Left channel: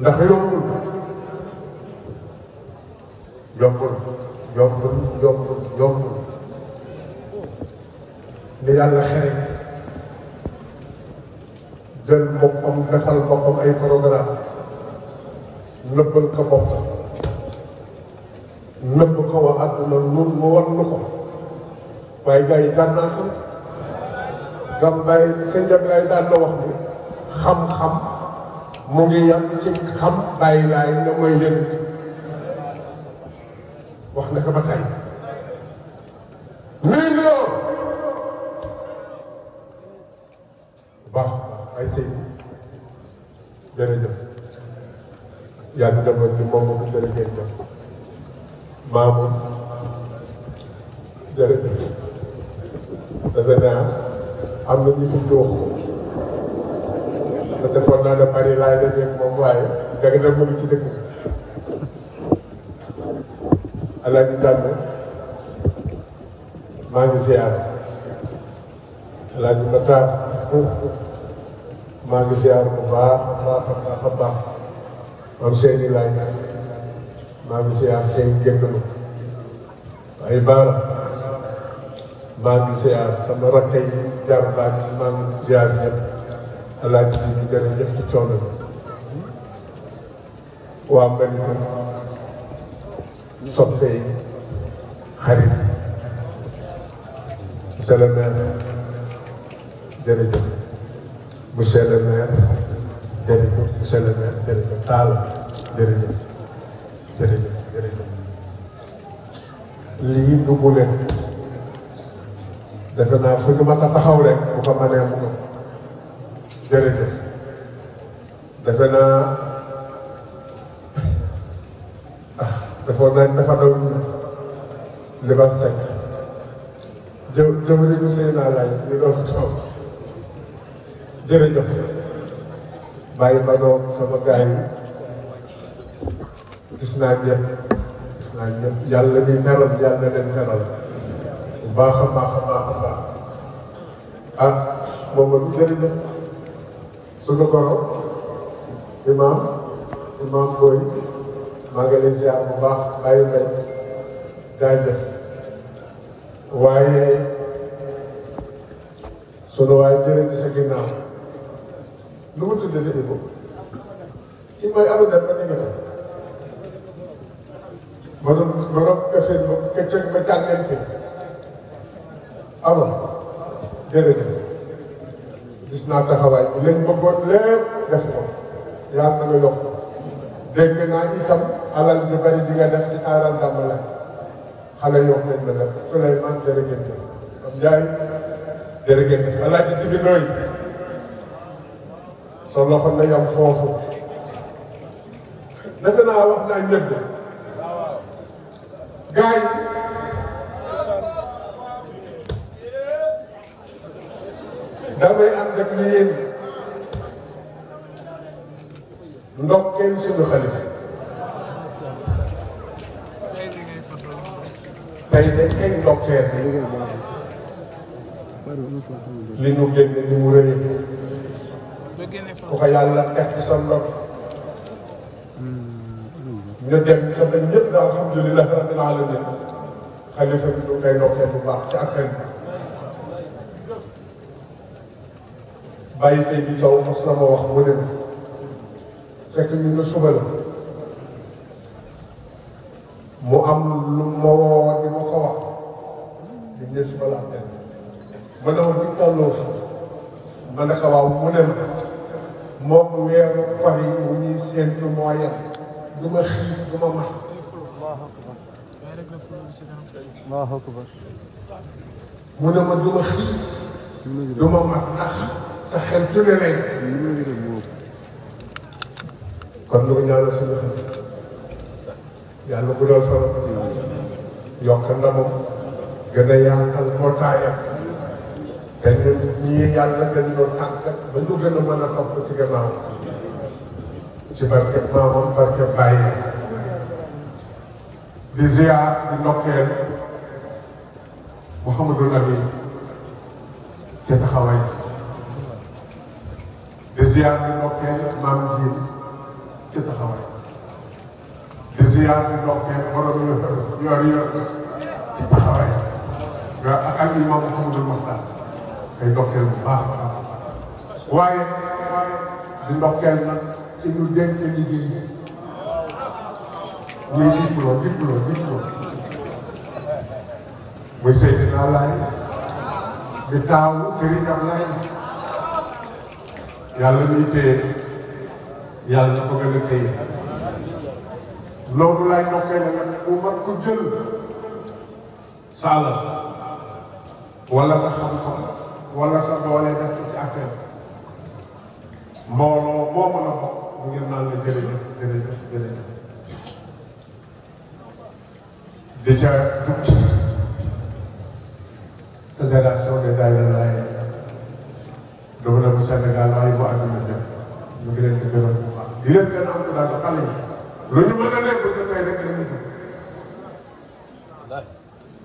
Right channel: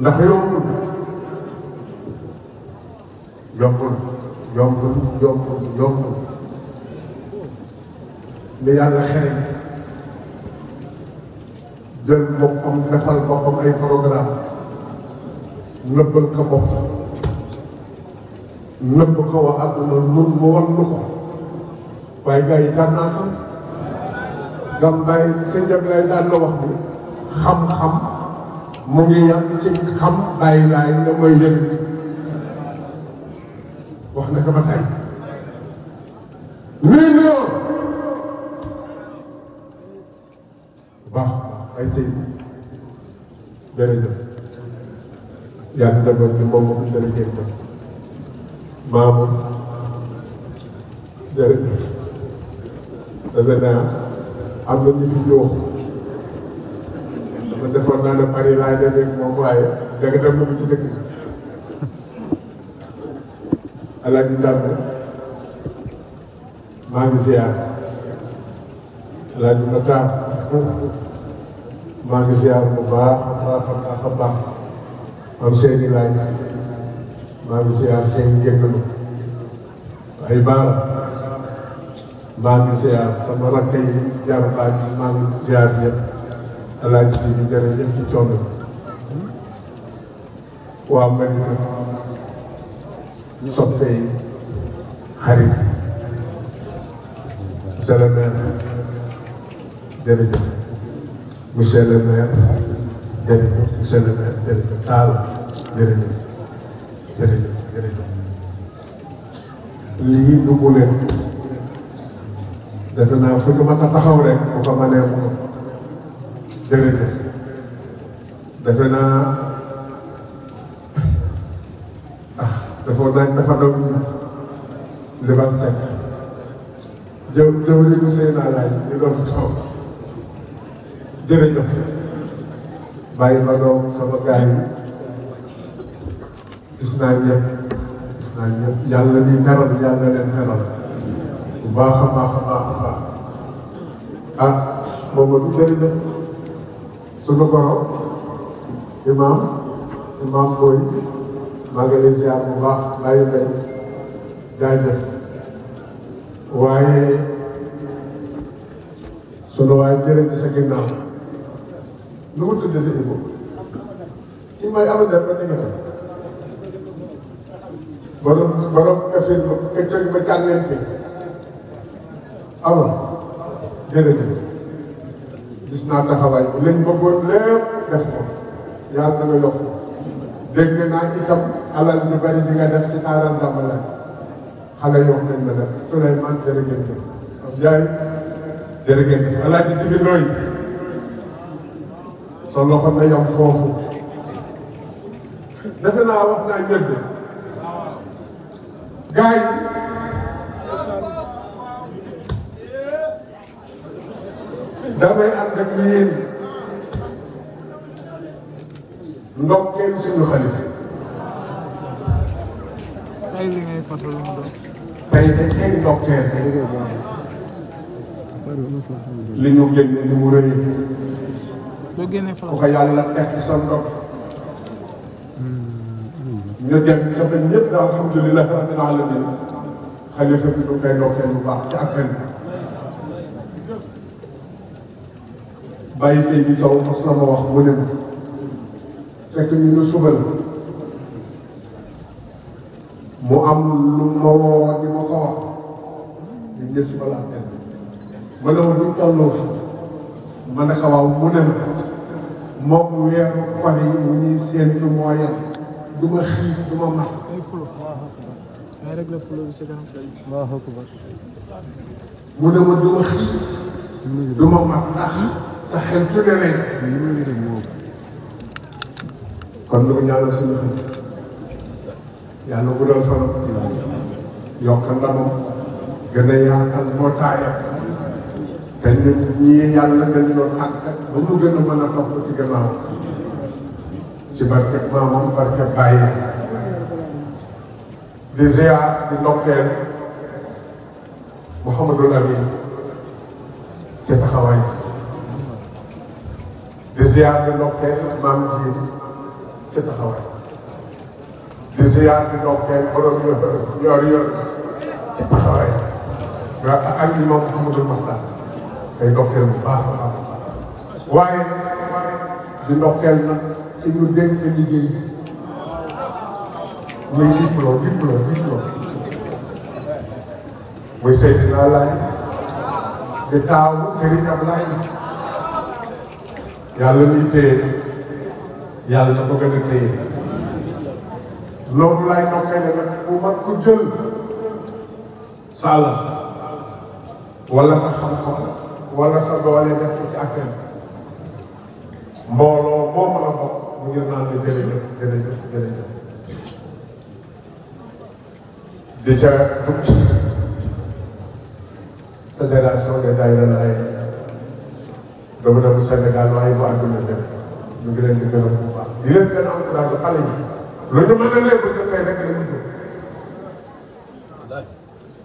ndax yombul yombul yombul yombul yombul li yàlla xere jël boppam defal boppam ay programme nëbbal ko bopp nëbb ko wa àdduna nun mu wan nu ko waaye gars yi daan naa sant gam bàyyi sa njab lay daan na wax ni xam-xam mu ngi yàq ci xam bàyyi laay ne mooy yëngu wax na ko ba tey million baax ay sëñ jërëjëf yàgg demoon bi moom jërëjëf maamu jërëjëf dafa naa am na ñu fi ñëw man defoon naa ne bari laa dajeeg moom waaye dëgg nag mu ngi ci dëkk bi Alaaji Dàmbe maa ngi ziar Alaaji Matar maa ngi ziar bu baax a baax a baax a baax am seeni laay maa ngi ziar tey njëkkalu ay baara maa ngi ziar sama rakk yi jaar baa yi maa ngi ziar ñëpp Alaaji di ñu jërëjëf ci coono waa Malika soppe yi xarit yi monsieur le maire jërëjëf monsieur le maire jërëjëf monsieur le maire jërëjëf Talla jërëjëf jërëjëf jërëjëf lii du mu leen defe naa fu ñu mas a taxaw rek bu ko mënee mu def jërëjëf defe naa dafa doon li ba sekk jëw riñu sëy naa lay ñu doon toog jërëjëf bàyyi ba doom sama gaay yi gis naa ñëpp yàlla ñuy teral yàlla leen teral bu baax a baax a baax a baax ah boobu jërëjëf sama goro imaam booy maa ngi lay ziar bu baax bàyyi mbay jaajëf waaye sunu waaye jërë ci sa ginnaaw lu mu tudd sa Ibou kii mooy aw dem ba diggante borom kafin ba këccëg ba jàngeen ci amoon jërëjëf gis naa taxawaay bi lañ bëggoon lépp def ko yàlla na nga yokk dégg naa itam alal ñu bari di nga def ci taaral jàmmalaay xale yi wax nañ ma la Souleymane jërëjëf comme jaay jërëjëf Alaaji Jibi Looy sa loxo na yam foofu defe naa wax naa ñëpp gars yi damay ànd ak yéen ndokkeel suñu xalif tey dañ koy ndokkeel li ñu génne ni mu rëy ku ko yàlla def ci sa ndox ñu dem ca dañ ñëpp na alhamdulilah rabbil alamin xalifa bi ñu koy ndokkeel bu baax ci appel bàyyi fay bi taw mos na ma wax mu ne fekk ñu ne suba la mu am lu ma woo di ma ko wax ñu ne suba la appel ma ne ma buñ tolloo fi ma ne ko waaw mu ne ma moo ko weeru kor yi wu ñuy séentu moo yem du ma xiif du ma mat mu ne ma du ma xiif du ma mat ndax sa xel tune rek kon lu mu ñaanal suñu xel yàlla guddal fanam yokk ndamam gën a yaatal mbootaayam te ñun ñii yàlla gën ñoo tàggat ba mu gën a mën a topp ci gannaaw ci barket maamam barket bàyyi di ziar di ndokkeel Mouhamadou Lamine te taxawaay di ziar di ndokkeel maam ji ci taxawaay di ziyaar di ndokkeel borom yor taxawaay nga ak ñi moom Mouhamadou Makhtar day ndokkeel bu baax a baax waaye di ndokkeel nag ci ñu dénk liggéey bi muy diplôme muy Seydina Laay di taawu Serigne Ablaye yàlla muy téye yàlla ko gën a téye noonu laay ndokkeel nag ku mag ku jël sa alal wala sa xam-xam wala sa doole def ko ci affaire mbooloo moo mën a bokk mu ngi naan la jërëjëf di ca tukki fédération des daayira Laay dama dem Sénégal waaye ba àdduna def ñu ngi leen di gërëm bu baax di leen gën a encouragé xale yi lu ñu mën a leen bu jotee rek la ñu jóg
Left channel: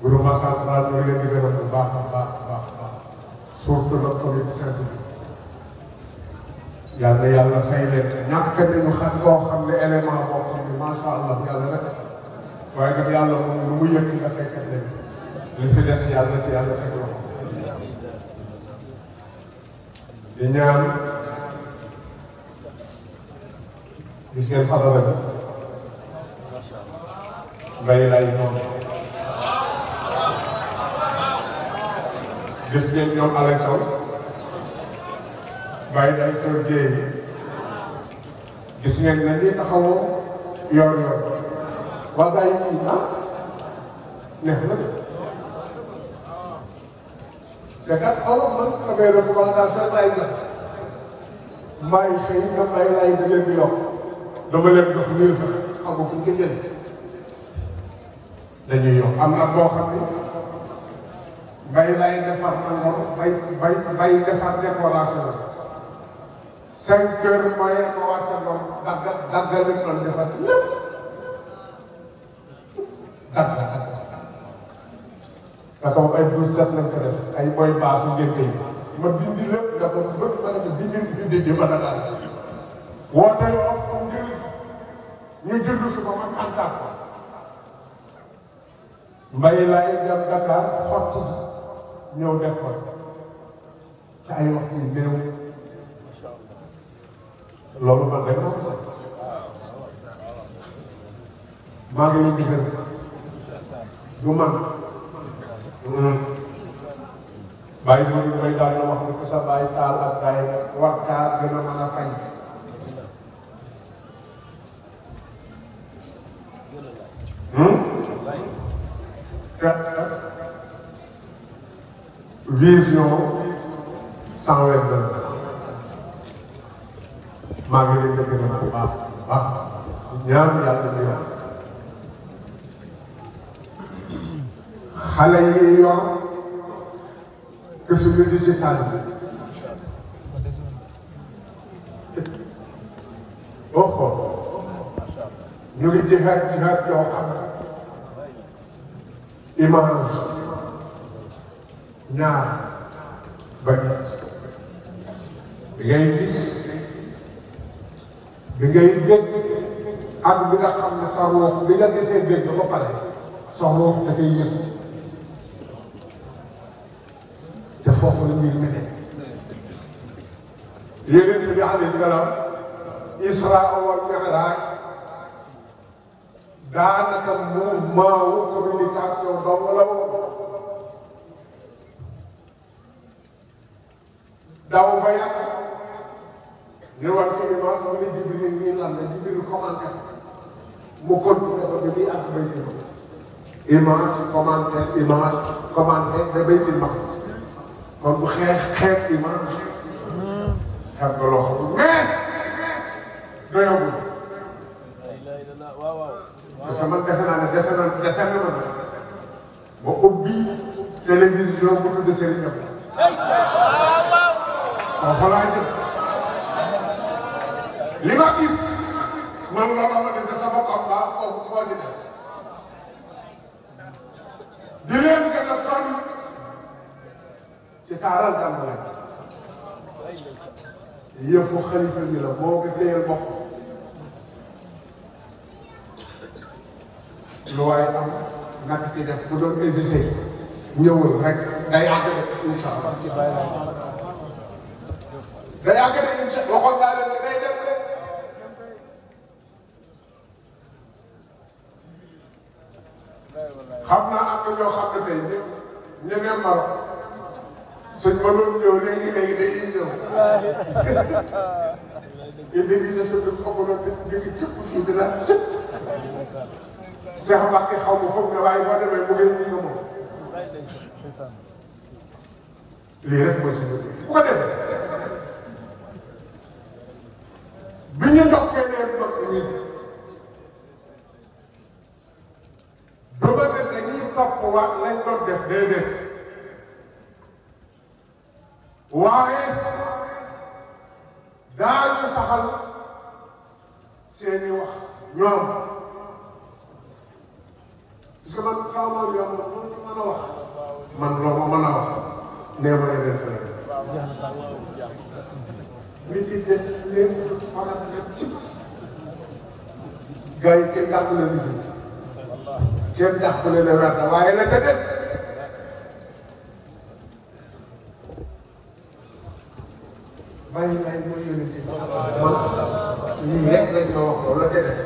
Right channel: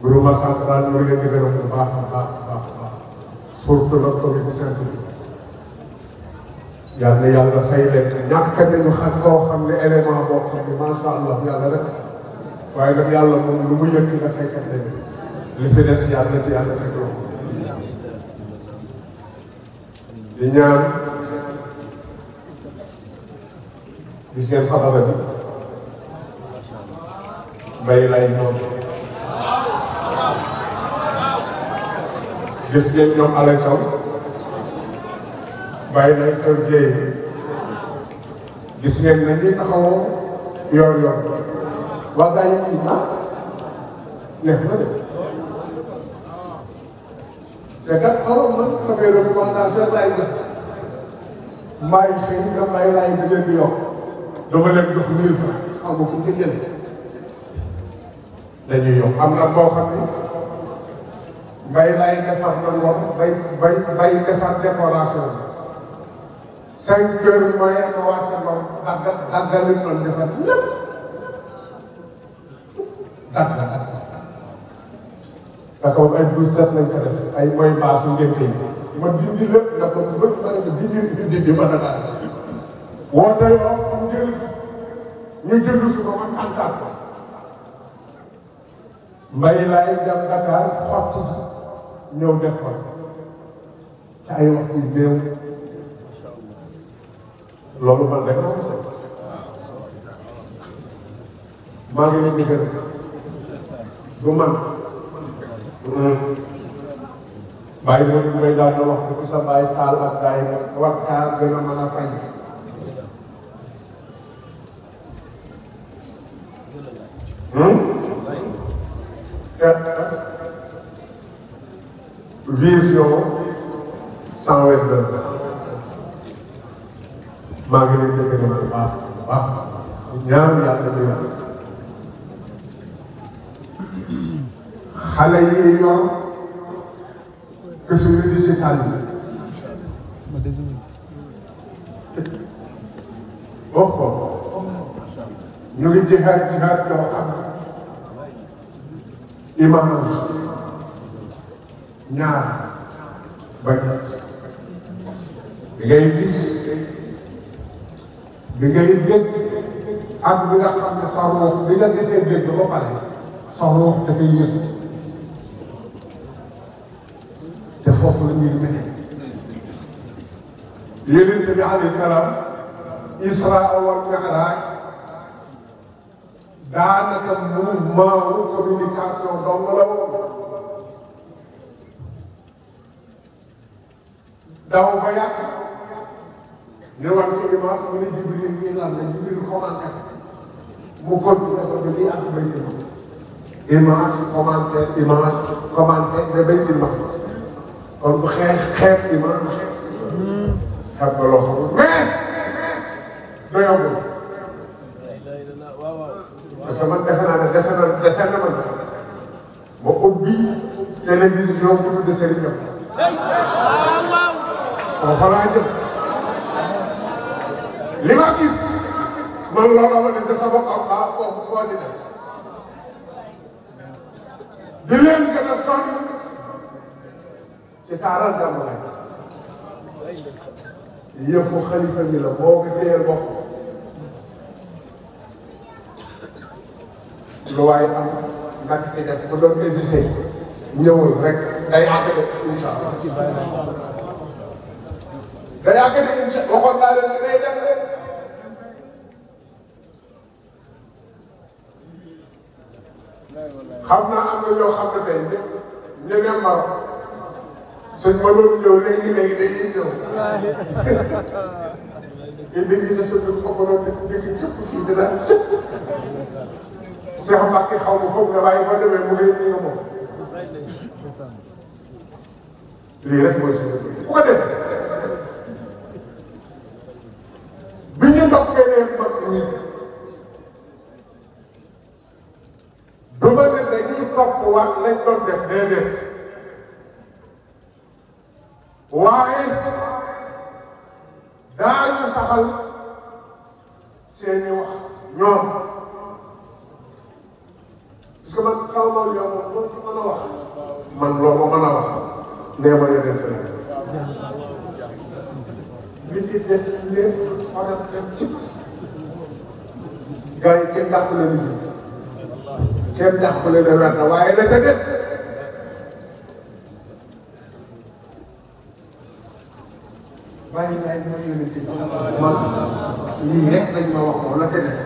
gouvernement central ñu ngi leen di gërëm bu baax a baax surtout le comité scientifique yal na yàlla fay leen ñàkk nañu xam koo xam ne élément boo xam ne macha allah yàlla rek waaye nag yàlla moom lu mu yëg nga faykat leen li fi des yàlla ci yàlla tegloo di ñaan gis ngeen xabaar bi mbay lay ñoom gis ngeen ñoom Alain Sow mbay lay xew jéey gis ngeen nañuy taxawoo yoon waa gaa yi neex na de te kat xaroon man samay recommandation tay na maay xëy na mbay laay di leen di yokk dama leen jox 1000 francs xam nga fu mu jënd dañuy yokk am na boo xam ne mbay laay defar man war bay defar décoration 5 heures mooy ma wàcce moom daggal man defar lépp dagg dafa am ay 12 lañ ko def ay mooy baasu ngeen tey ma dindi lépp nga doon bëgg ma ne ko dindi bi ma Dakar woote yoo ñu jënd si ko man antal ko mbay laay dem Dakar xotti ñëw def ko te ay waxtu yu néew loolu man rek laa ko soxla maa ngi leen di gërëm du man bàyyi loolu mooy daal na wax ne ku sa bàyyi taal ak gars yi nag war kaa gën a mën a fay vision 122 maa ngi leen di gërëm bu baax ñaar yàlla di wax xale yi yor suñu digital wax ko ñu ngi jihaad yoo xam image ñaar ba ñett bi ngay gis bi ngay dégg ak bi nga xam ne sa ruux bi nga gisee dégg ba pare sa ruux dafay yëg te foofu la mbir mi ne Yonent bi alayhi salaam Israa wal Mi'raaj daanaka mouvement wu communication dong la woon daw ba yàgg ñu war ko image mu ne Jibril ñuy lan la Jibril commenté mu continué ko dañuy ak Baytul Maqdis image commenté mais Baytul Maqdis kon bu xeex image xam nga loo xam mais doyagul parce que man defe naa ne dese na ma ma ubbi télévision bu tudd Serigne waaw foofu laa jëm li ma gis man loolu ma dese sama combat foofu moo di def di leen gën a soññ ci taaral Gàmmu yëfu xalifa bi la boo ko téye bokk lu waaye am naka ci def bu doon hésité ñëwul rek day àggale incha allah day àggale incha allah waxoon naa leen ne day dem rek xam naa am na ñoo xam ne tey ñu dem Maroc suñ ma doon ñëw léegi dañuy ñëw te dañuy sa fekk ma ko doon dégg cëpp fii di daal cëpp Seex Mbàkke xaw ma foog nga waaye boo demee mu ngi nga moom lii rek mooy suñu bu ko defee bi ñu ndokkee leen mag ñi du ma ne dañuy topp waat lañ doon def déedéet waaye daañu saxal seeni wax ñoom parce que man sama maam ñoom moom ko mën a wax man loolu mën a wax nee ma yeneen feneen li ci des lépp maanaam dem ci gars yi kenn dàqule nit ñi kenn dàqule ne wet na waaye la ca des bàyyi ma yéene ci man lii rek dañ ma wax loolu la ca des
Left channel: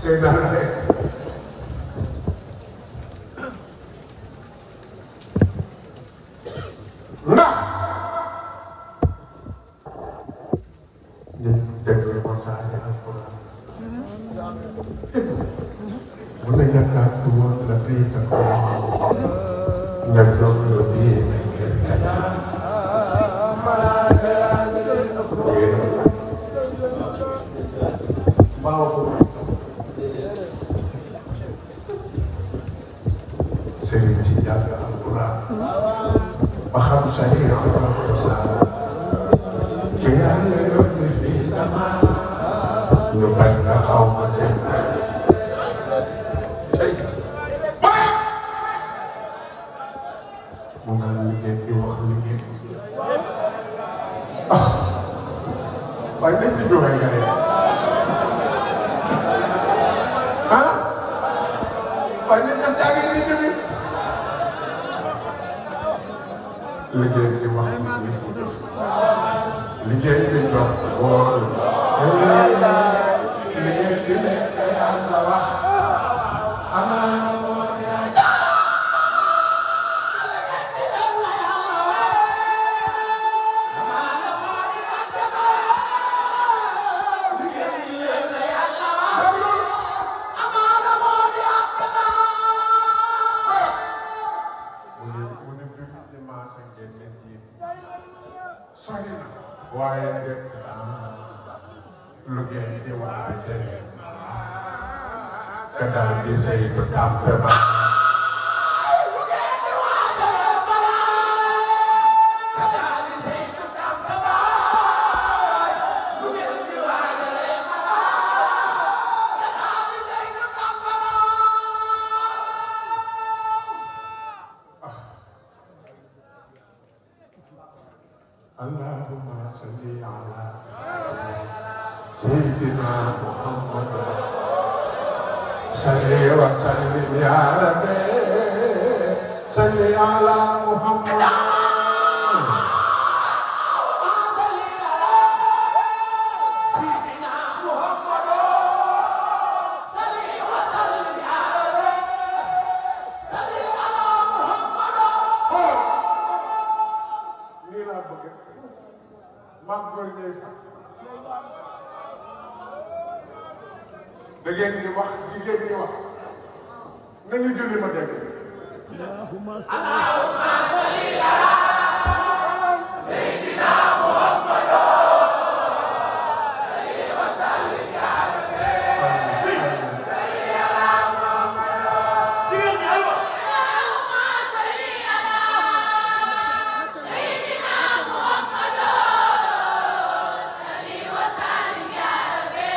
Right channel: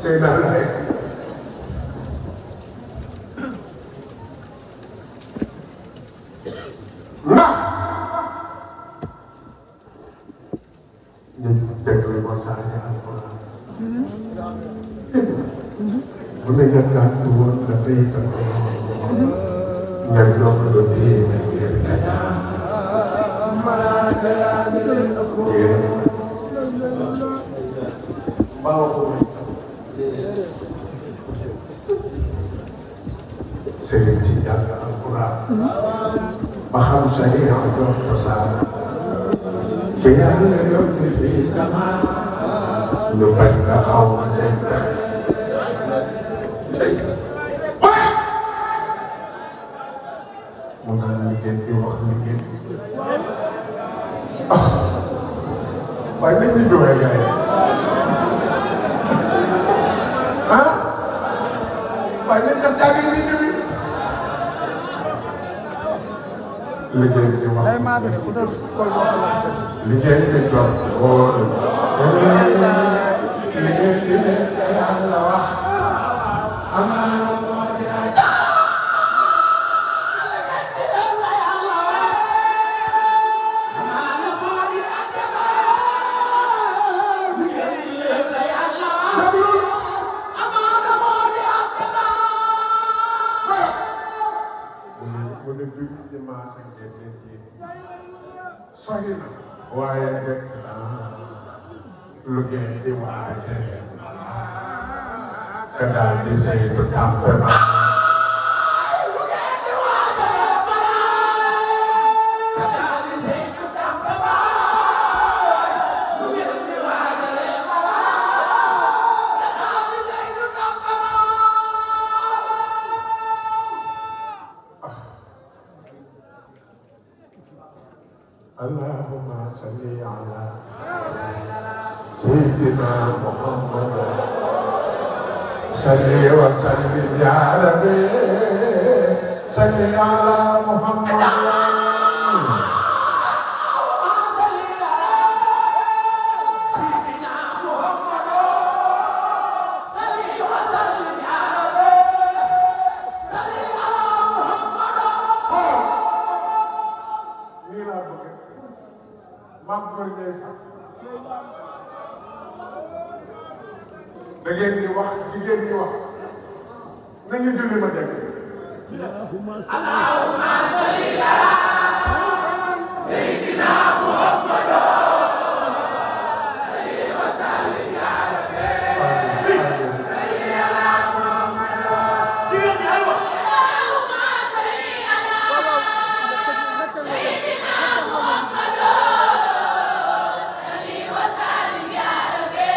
sëy naa la rek ndax nit dégg ko saa bu dee gàtt woon la tey kat nga jox lu diine sëriñ ci jàng alquran ba xam sariya ak cosaan te yàlla yóbbu fi sama ñu bañ nga xaw ma seen mu naan ñu ngeen di wax ñu ngeen waaye nit ñi doon gars yi ah waaye nit ñi jàng yi liggéey di wax liggéey di doon boo liggéey di leen te yàlla wax am na moo di waaye nag lu ngeen di waajal te daal di saytu tàmp na lu ngeen di waajal te daal di saytu tàmp na lu ngeen di waajal te daal di saytu tàmp na اللهم صل على سيدنا محمد صل وسلم يا ربي صل على محمد da ngeen di wax jigéen ñi wax nañu julli ma dégg allahumma salli ala sayyidina muhammad salli wa sallim ya rabbi salli ala muhammad allahumma salli ala sayyidina muhammad salli wa sallim ya rabbi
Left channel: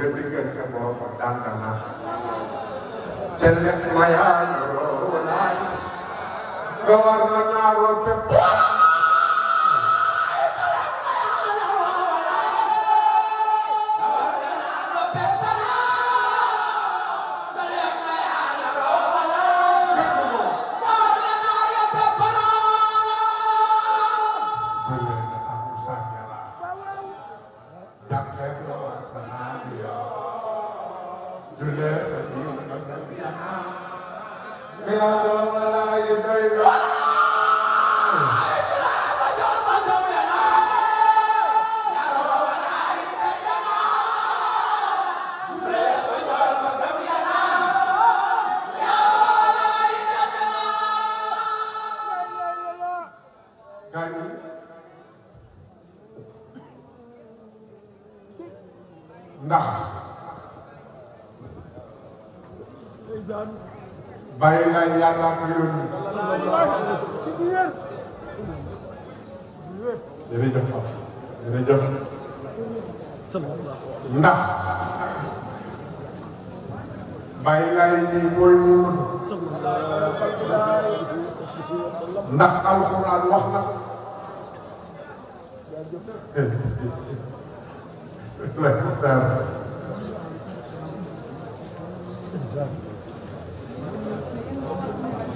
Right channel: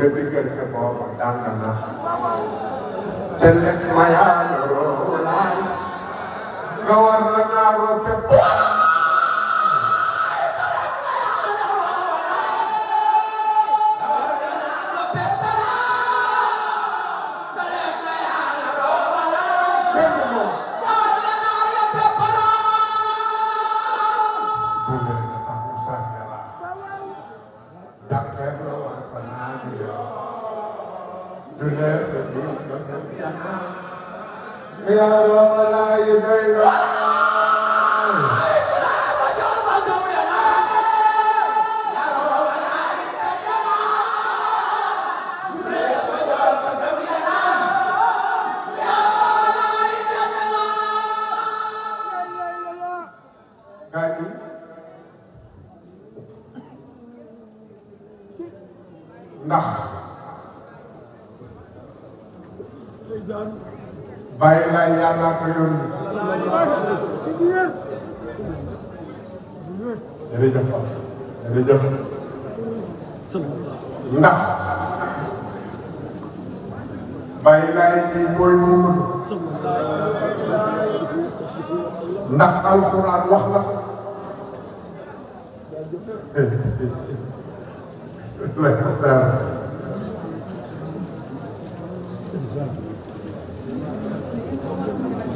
nga diggante boobu dànk na te nekk ma yaa nga war na naaroo fépp ndax bàyyi la yàlla ko yónni jërëjëf jërëjëf ndax bàyyi laa yi mooy moom ndax alxuraan wax na ko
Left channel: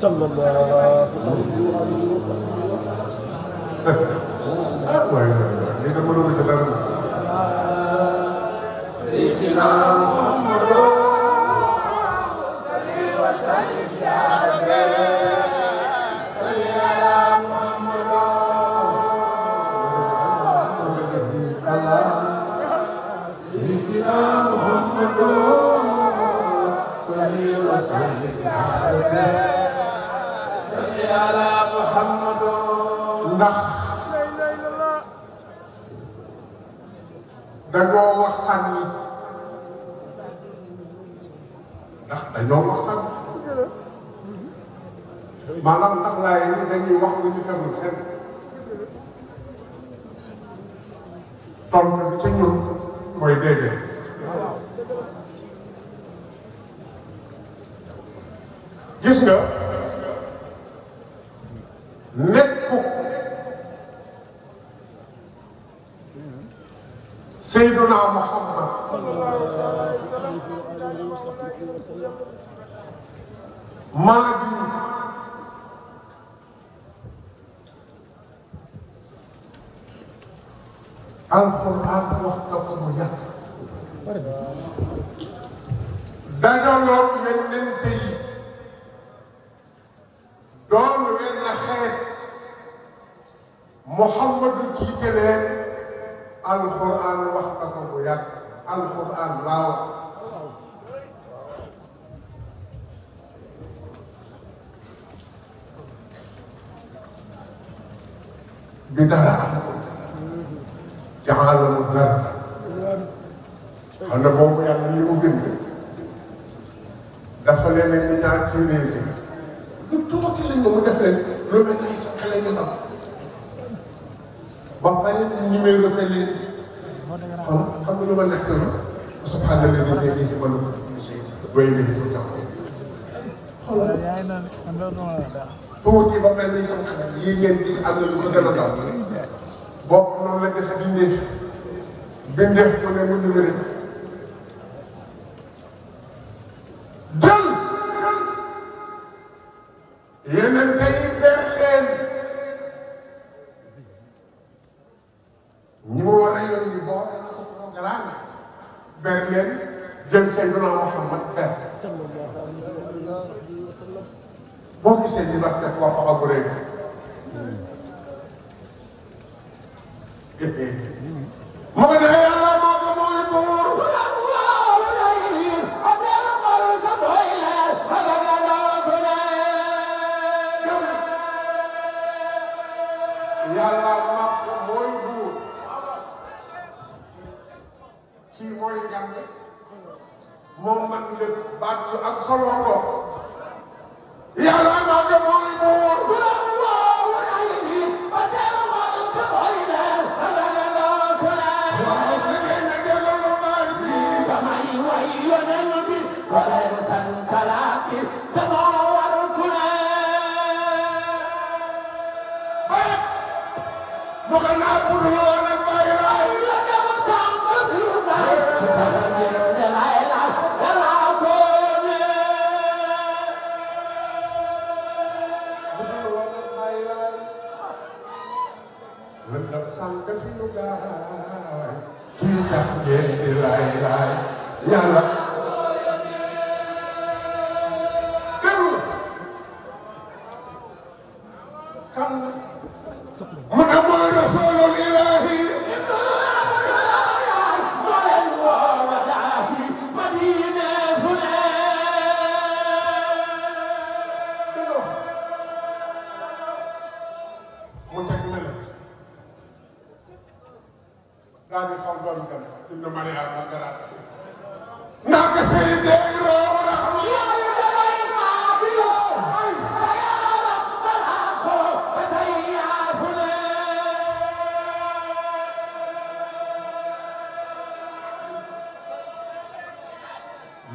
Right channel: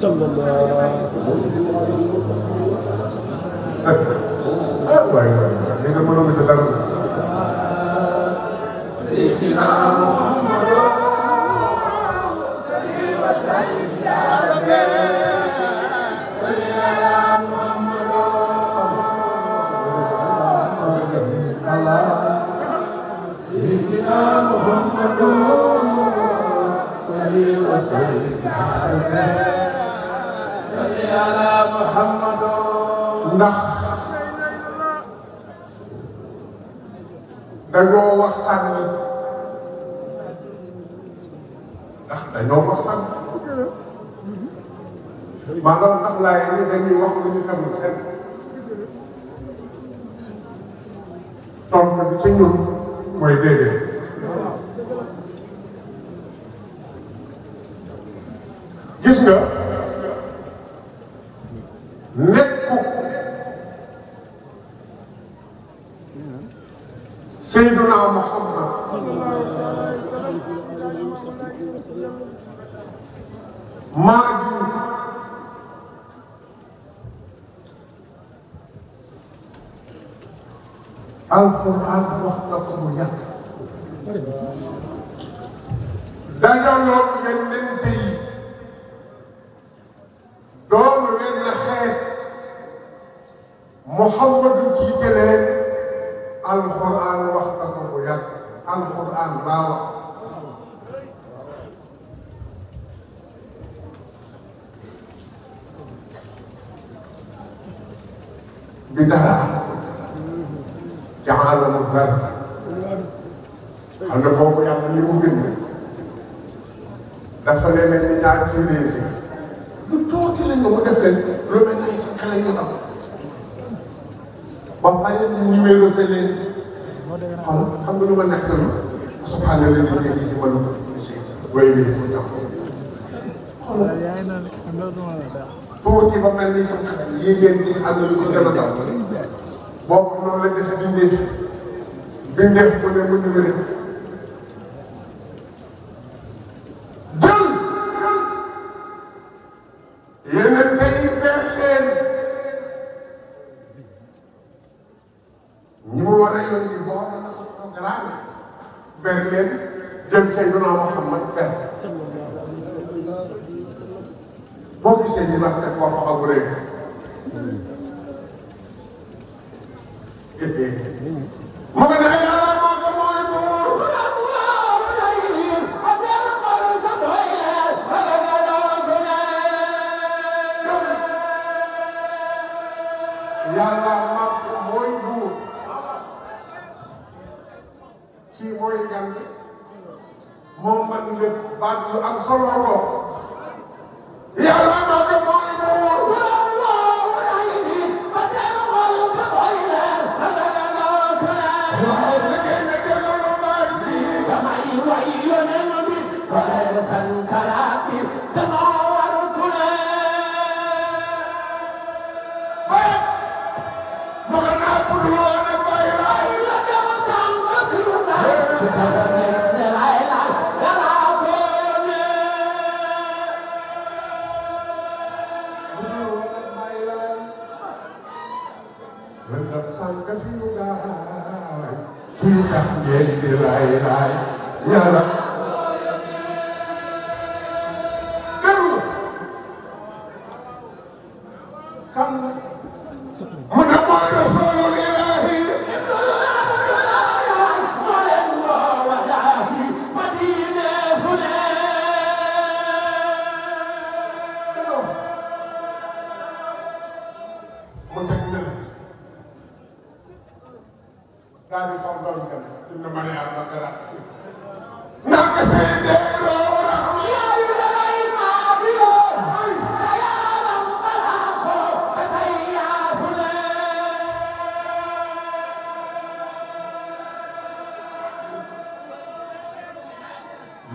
صلى الله عليه وسلم سيدنا محمد صل وسلم يا ربي صل على محمد سيدنا محمد صل وسلم يا ربي صل على محمد ndax dañoo wax sànni ndax dañoo wax sànni maanaam ndax laa yi dañuy wax lu ñu tamit seen tontu bi ci ñun mooy déedéet gis nga nekku Seydina Muhammad maa ngi alxuraan wax na ko mu yàgg dajaloo yonent yi doon wenn xeet Muhammadu jiite leen alxuraan wax na ko mu yàgg alxuraan laa wax بدعة جعله الذر هذا هو يعني اللي يمكن دفع لنا بدعة كريزي نطوط لنا ودفع لنا يسكى لنا وقالين النميرو تلين الحمد لله نكتب سبحان الله الذي يجب ويليه tuuti ba mel ni sax yi ngeen gis ànd lu ko dara daw bokk noonu la def bindeef ko ne mu ñu rek jël yeneen tey ber leen ñi mu war a yónni boo na ko programme ber leen jël Seydina Muhammad ber boo gisee ñu wax ne kooku ak réew mu ngi ne yàlla moo ko mooy buur yàlla moo ko mooy buur kii mooy ngeen moom man lépp baat yu am solo lool yàlla moo ko mooy buur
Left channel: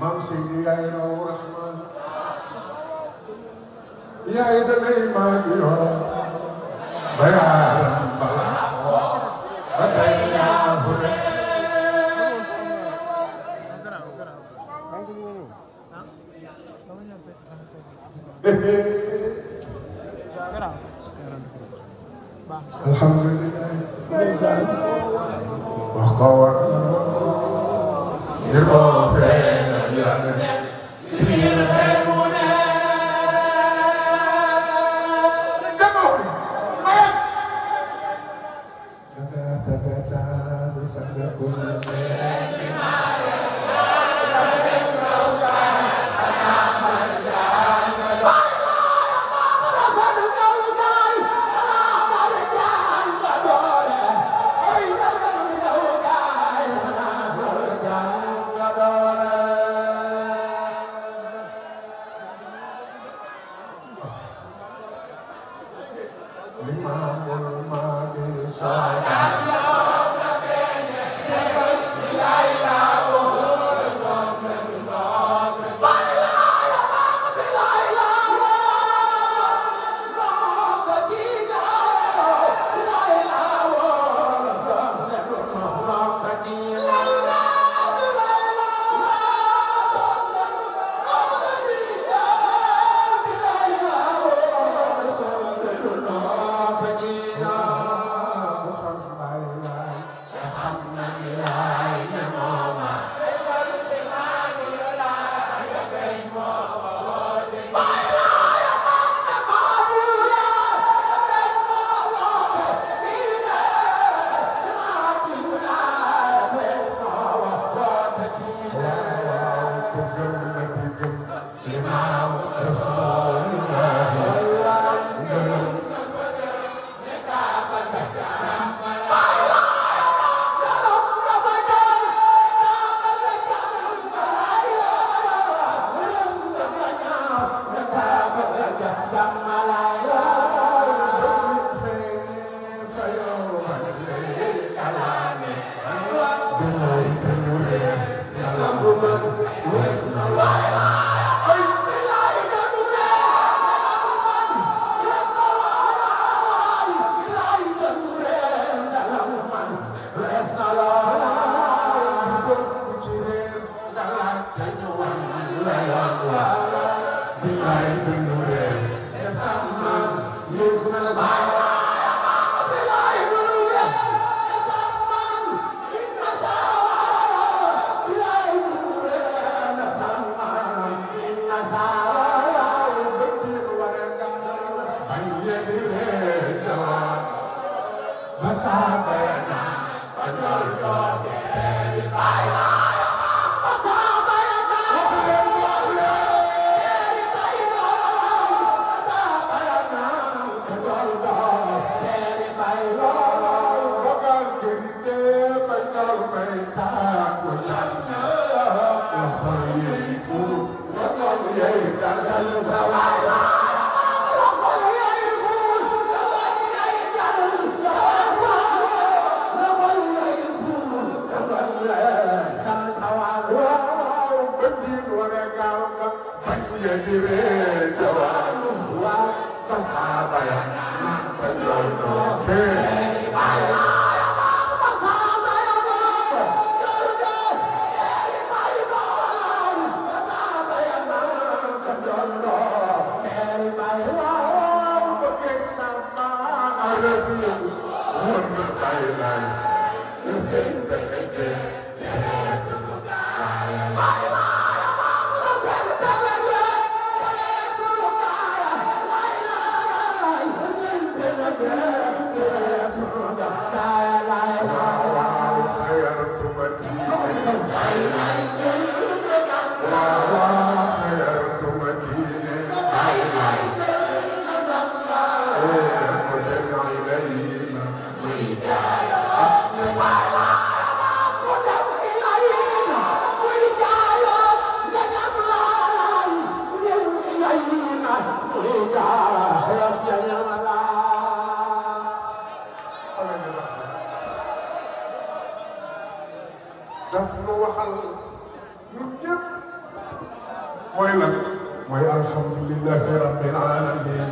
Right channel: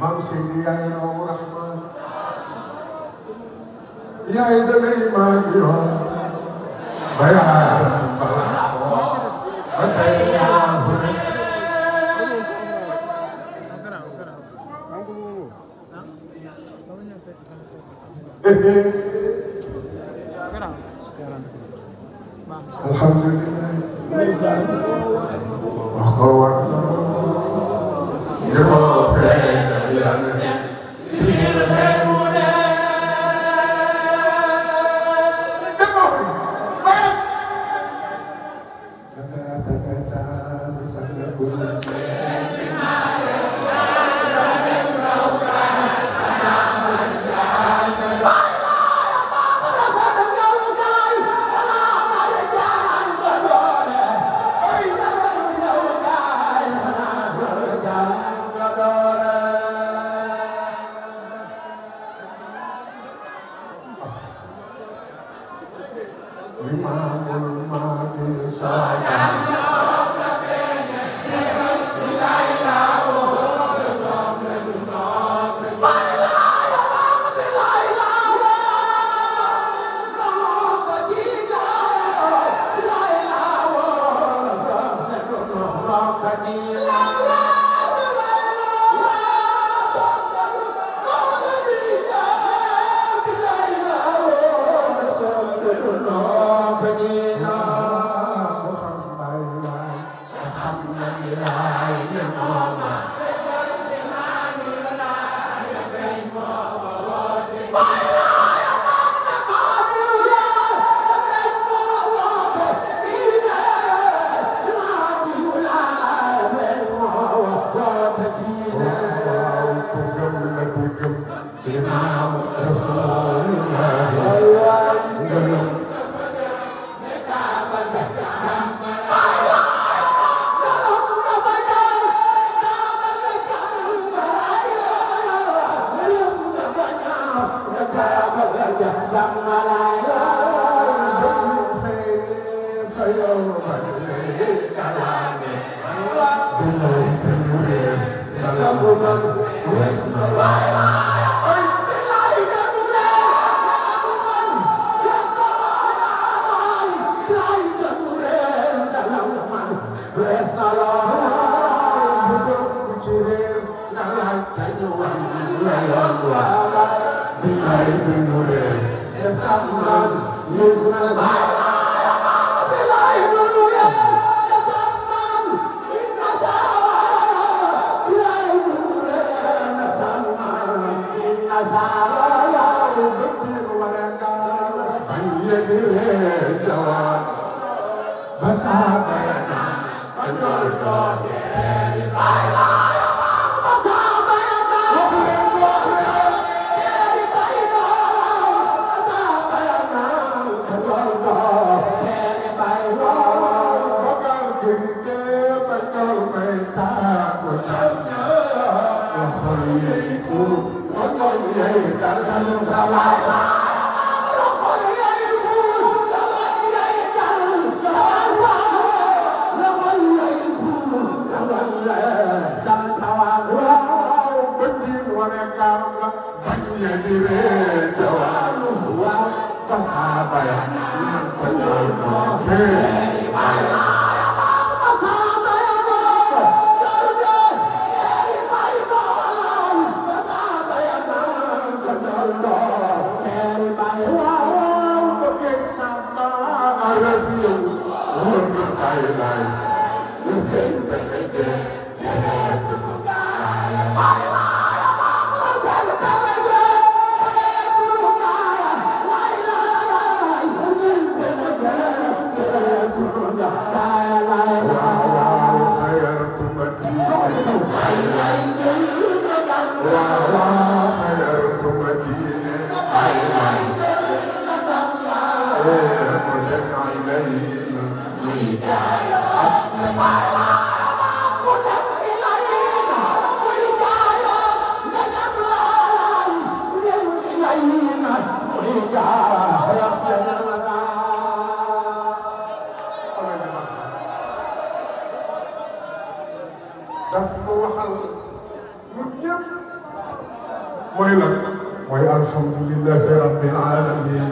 maam Seydi yaay raw Rahman yaay dalay maam yoon bayaatam balaa ba tey yaa ko def alhamdulillah wax ko war ñu ko feeñal yàlla ne biir xel mu ne demoo bi mayam mooy lan mooy alhamdulillahi rabbil alamin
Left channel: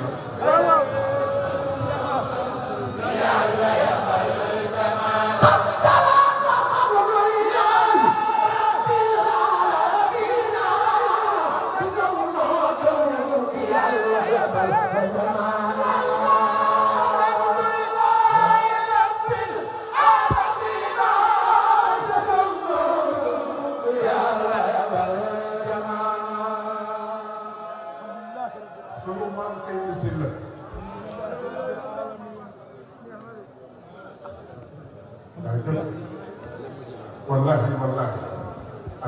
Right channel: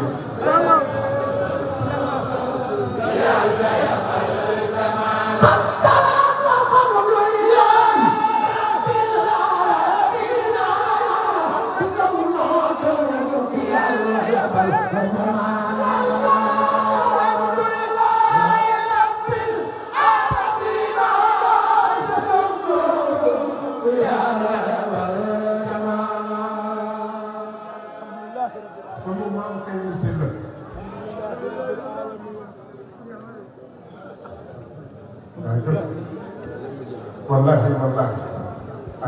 wallahi wallahi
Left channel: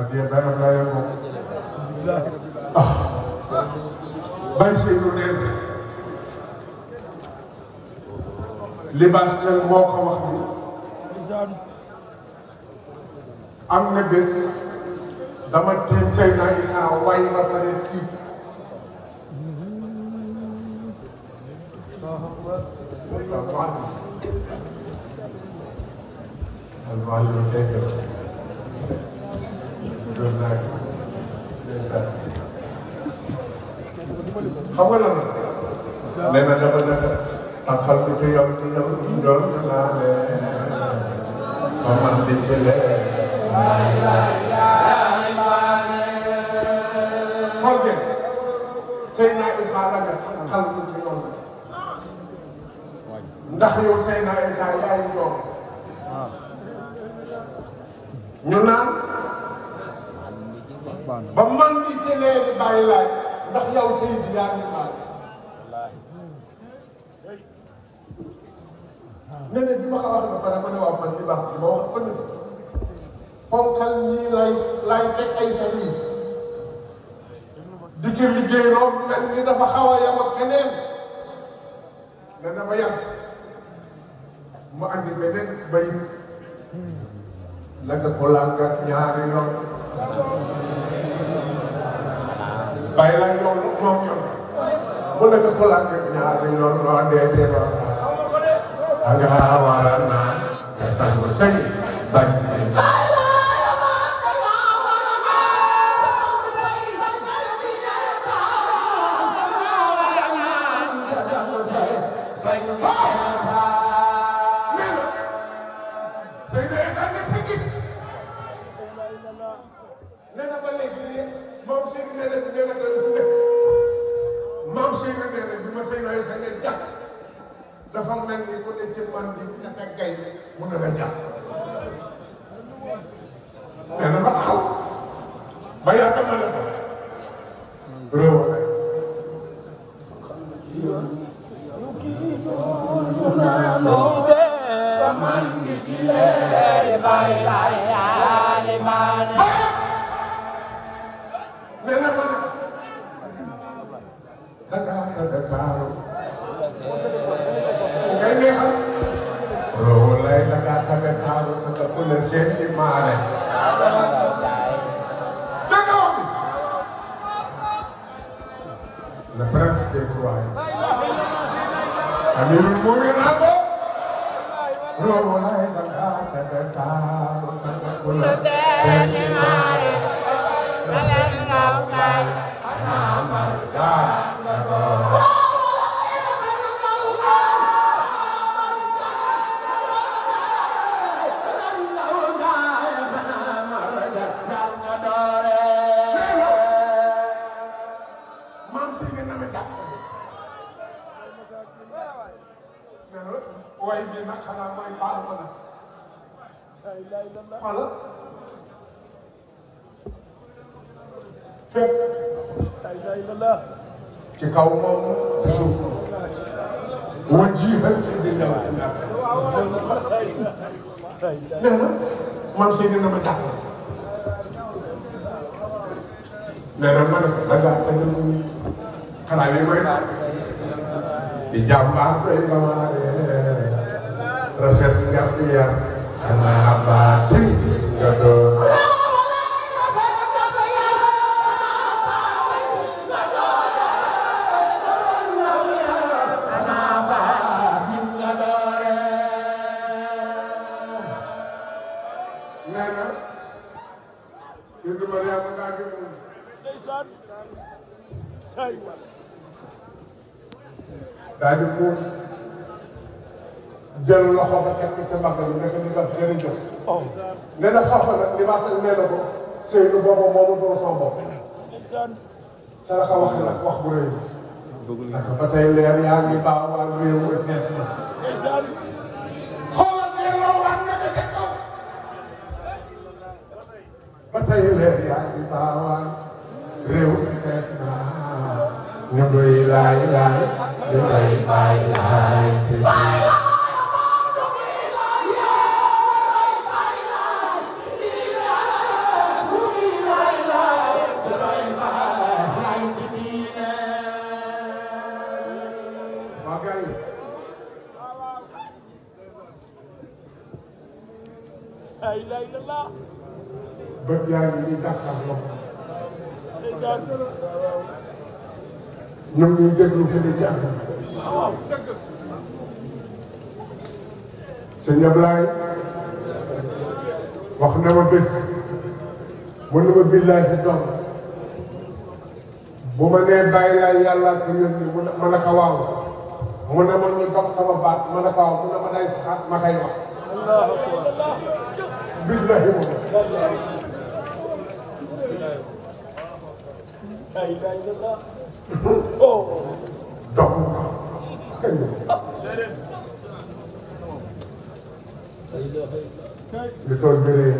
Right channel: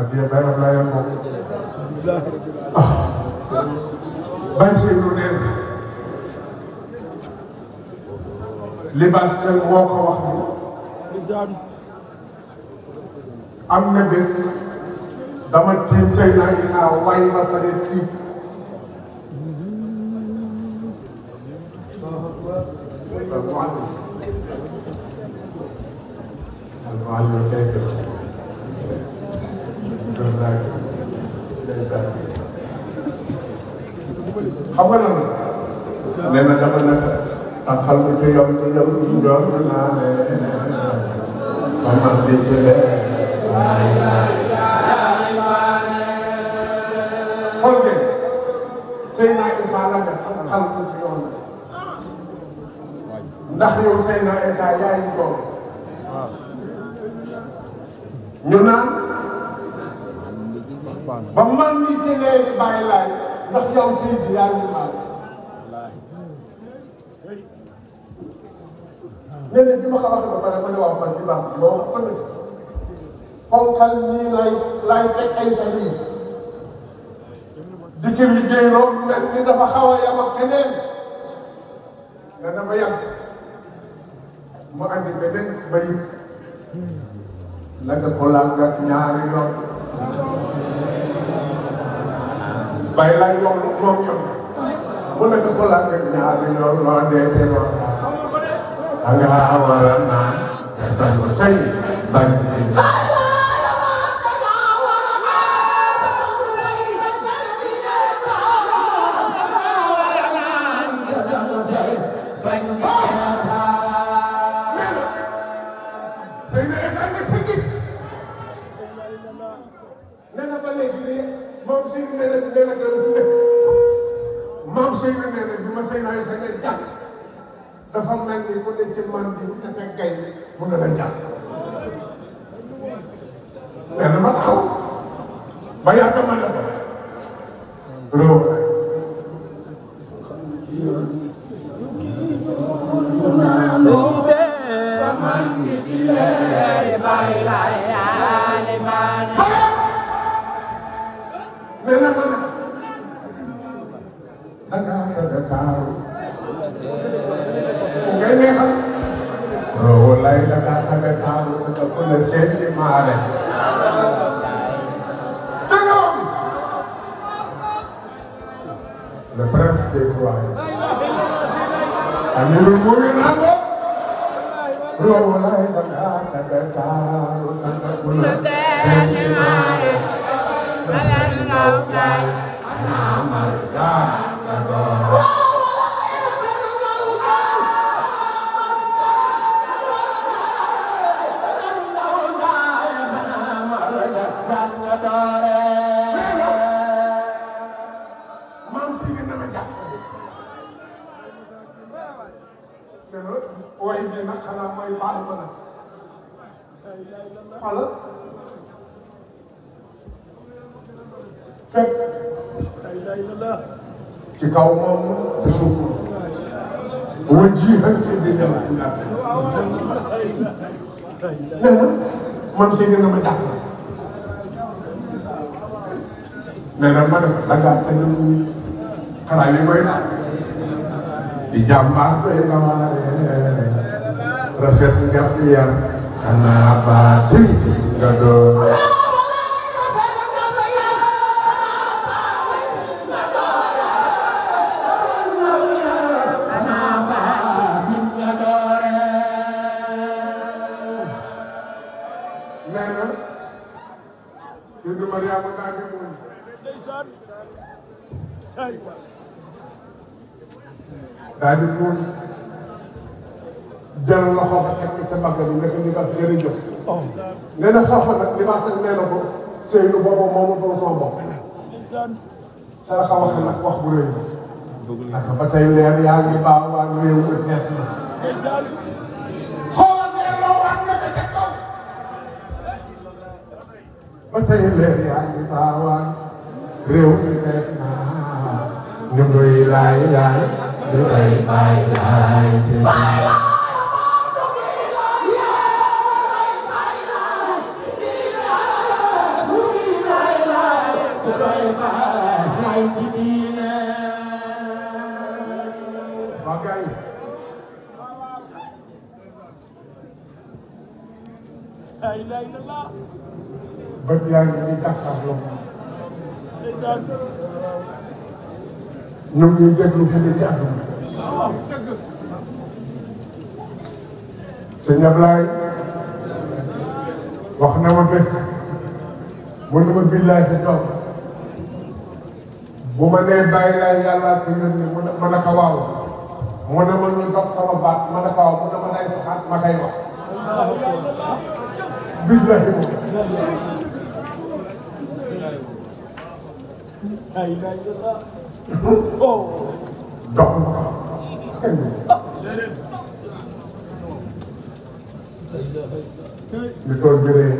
addiya dayo naa leen bokk bay si lu neen libaas te moo ko wax ni am na bés dama tiim sey naa Isaa way ba pare tiim xam nga lan nee na dama ne xam nga te yow ñu doon naa ne man di ci le xool ngeen Seydina Isa la nga xam ko ci yoon ndax yow Seydina Isa yaay ñu doon ñu naan ba man di ci lee di bàyyi laay ndax yow Seydou yaa ngi maal nee na bi ma ko waxee ba pare ma ñu wax man ci base bi ma wax ko ne fonkal ñii lay teg ay service di ki liggéey loolu mel ni dafa xaw a yam ak keneen nga dama yam mu andi beneen bayit naka ko langat ñaari yoon bàyyi laa yoon moom yoon mu naka ko langat ñaari yoon loo dee lool da nga war a naan te sangu say bañ dafa mel ni ku ne ci man bi bu defee gay mu ne la jàpp mais dama taxaw ba yàgg ma ne ko bro wallahi daga daga tawo suka kula sai mare the prince they cry amirul mu'minin wallahi daga tawo suka kula sai mare ana marga way bi nag xanaa mooy baal ma nag alors fekk ci kaw moom te suuf wa jiixal si biir ndax nee na man si ne ma jàpp nee na ma ne ko dangaa te xanaa ne koy di jàmbaar doy ba waare rafet nga yar xanaa baati nga doon nee na Mariama daal di moom daal di muur jël loxo ba teg ci mbagg bi nekk ni ba jërëjëf nee na soxla nag li ma seen nee na ko Seydou boobu moomu doon sama bopp sa la ko wax nag wax bu rëy naka ba tey leer yaa ngi baax waa réew mi fees na xoolal leer loo war na sa kaw ba tey leer yaa ngi baax waa réew mi fees na ñu doy laay laay ñu doy laay laay bët yaa ngi nii jàkkaarloo ñu ngi déglu fi ñu jàpp sëñ Ablaye wax na ma bés mu ne ma billahi fi toog bu ma nee bàyyi laa yàlla ko yónni ma ne ko waaw mu ne ma ñu dox sama baat ma ne ko waaw mu ne ma day saxaat ma koy wax billahi dox li tool jëree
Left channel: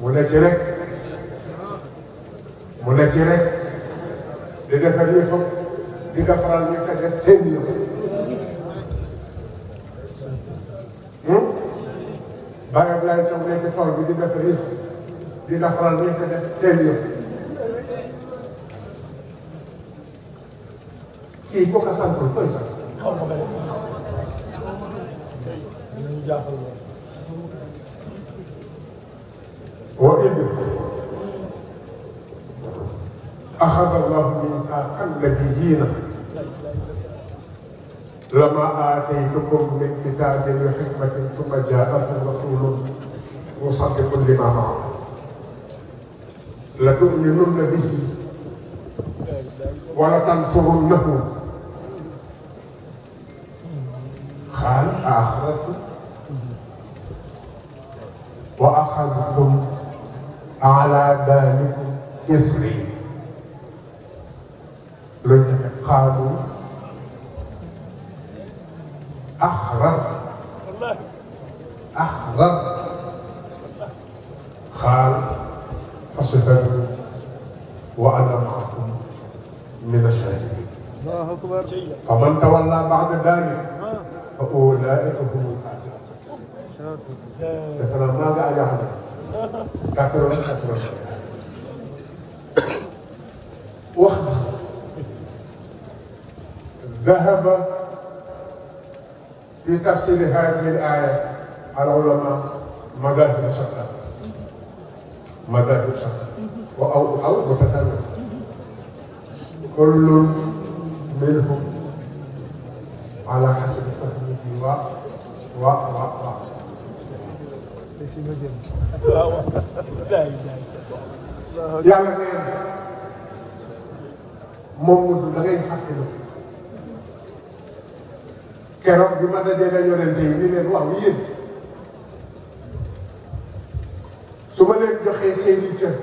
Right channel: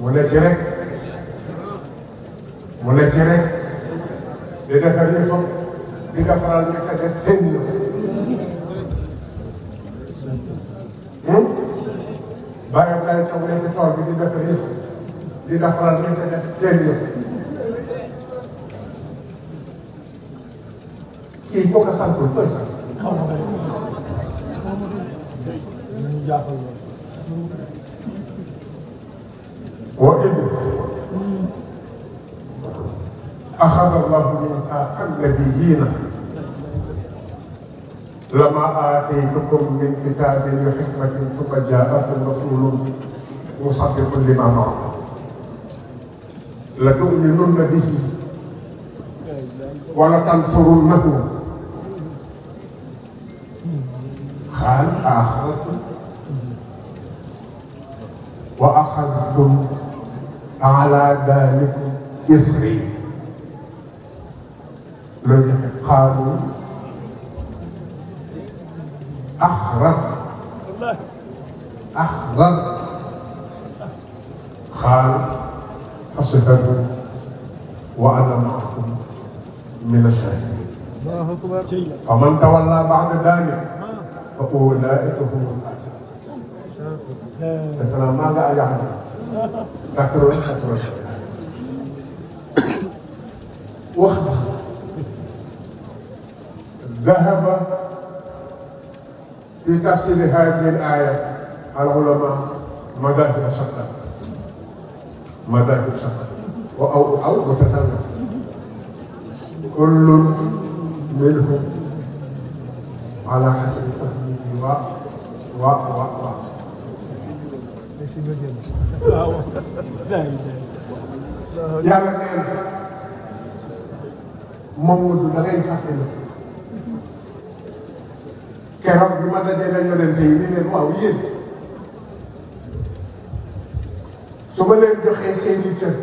mu ne ci rek mu ne ci rek di defar yëfam di defaral nekk des seen yëf bàyyi lay toog nekk ci tool bi di defar yëf di defaral nekk des seen yëf kii ko ko santul koy sax وإذ أخذ الله ميثاق النبيين لما آتيتكم من كتاب وحكمة ثم جاءكم رسول مصدق لما معكم لتؤمنن به ولتنصرنه قال أخذتم وأخذتم على ذلكم إثري قالوا أخذت قال فاشهدوا وأنا معكم من الشاهدين ومن تولى بعد ذلك فأولئك هم الفاسقون مثلا ماذا يعني ذكروا وقت ذهب في تفسير هذه الآية العلماء مذاهب شتى أو متفاوتة كل منهم على حسب فهمه yàlla nee na moom da ngay fàtte ma keroog bi ma dajale yonente yi ni leen waaw yéen su ma leen joxee seeni cër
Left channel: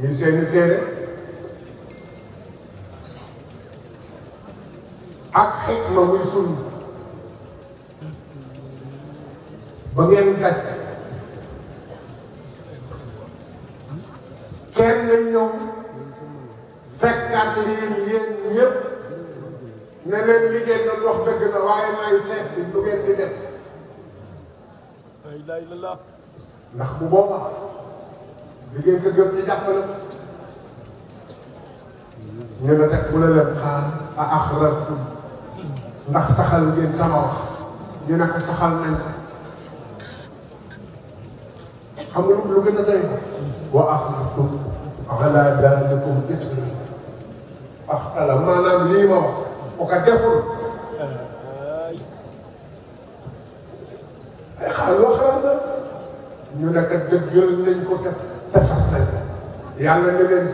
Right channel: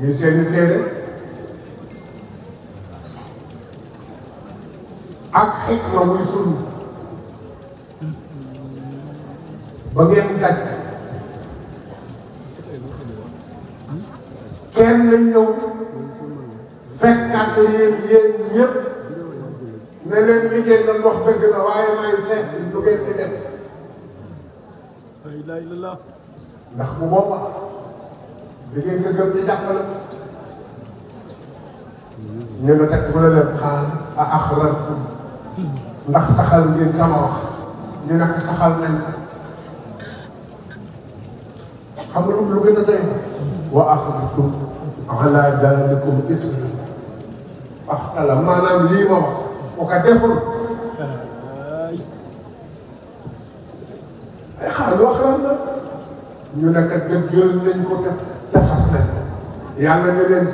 ñu seeni téere ak xikma muy sunna ba ngeen daj kenn ñëw fekkaat yéen ñëpp ne leen li ngeen doon wax dëgg na waaye may seet lu ngeen di def ndax bu boobaa da ngeen ko gëm ñu jàppale ñu ne teg mu ne leen xaal a axrajtum ndax saxal ngeen sama wax ñu ne ko saxal nañ xam nga lu gën a doy wa axadtum ala dalikum isri axtala maanaam lii ma wax ku ko deful xaalu wax lan la ñu ne kat dëggal nañ ko te fas nañ ko yàlla ne leen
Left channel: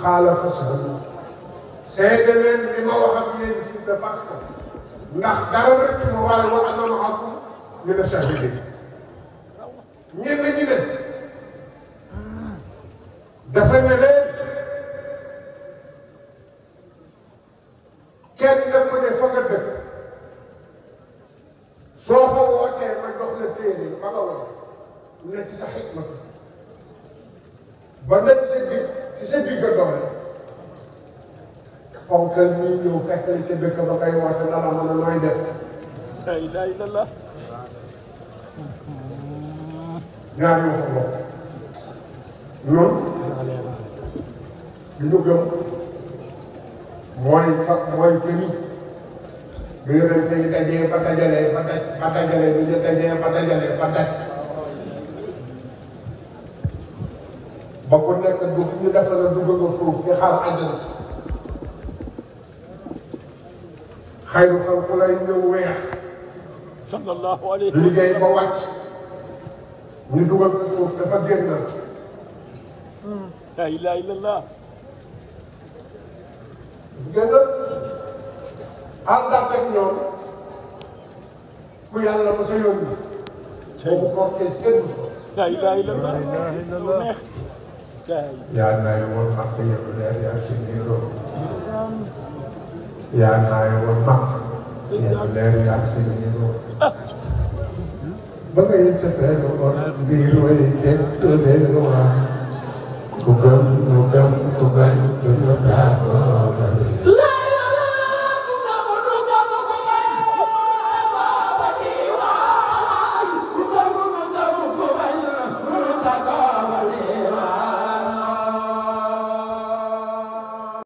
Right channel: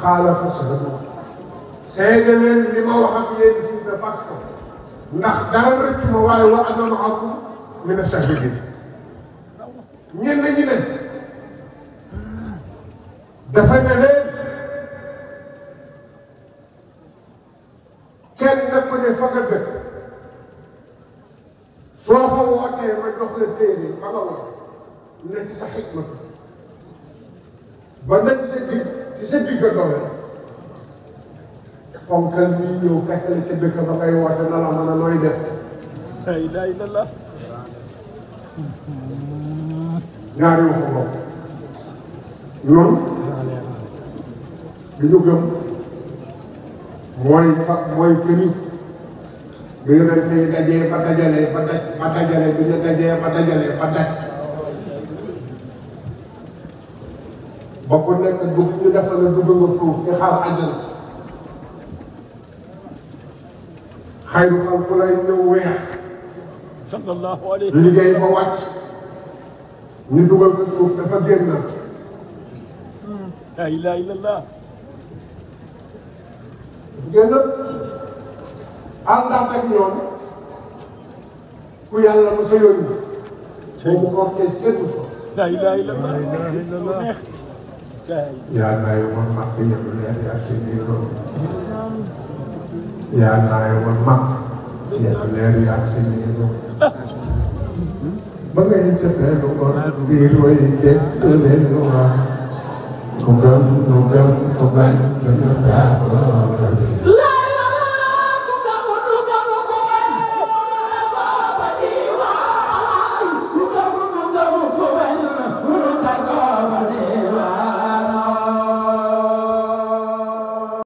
xaala fashhadu seede leen li ma wax ak yéen fi de fas ko ndax dara rek ma waaye wa ana ma'akum mina shahidin ñenn ñi ne dafa ne leen kenn ku ne fa nga dëkk soo fa wootee ma jox la téere ba nga wax ne ci sa xikma ba nañ ci sa digg doole kon kan ñii ñëw fekk la ca dëkk ba ngay woote na la mën a nooy def ñaari wu ko bokk ñoom li ñu gëm mooy këni bi yonente yi dajee ba dajale bi ñu dajee ba dajale ba daj ba ku nekk dugg ñu defal la dugg nga foofu di xaar àddina xayru xalqu lay ñëw weex sallallahu alayhi liggéey ba wàcc ñu dugal ko suuf dafa génn la ilaha illallah génn àndaat ak ñoom ku yàlla mos a yónni boobu cortège kenn du fa la ilaha illallah yaa naay woon mag yëpp leer yaa si biir yaa naay woon mag yëpp leer yaa si biir ba ngay tëddee lu ko biir way jëkk leen lu waa ku gëm ku gëm ku bañ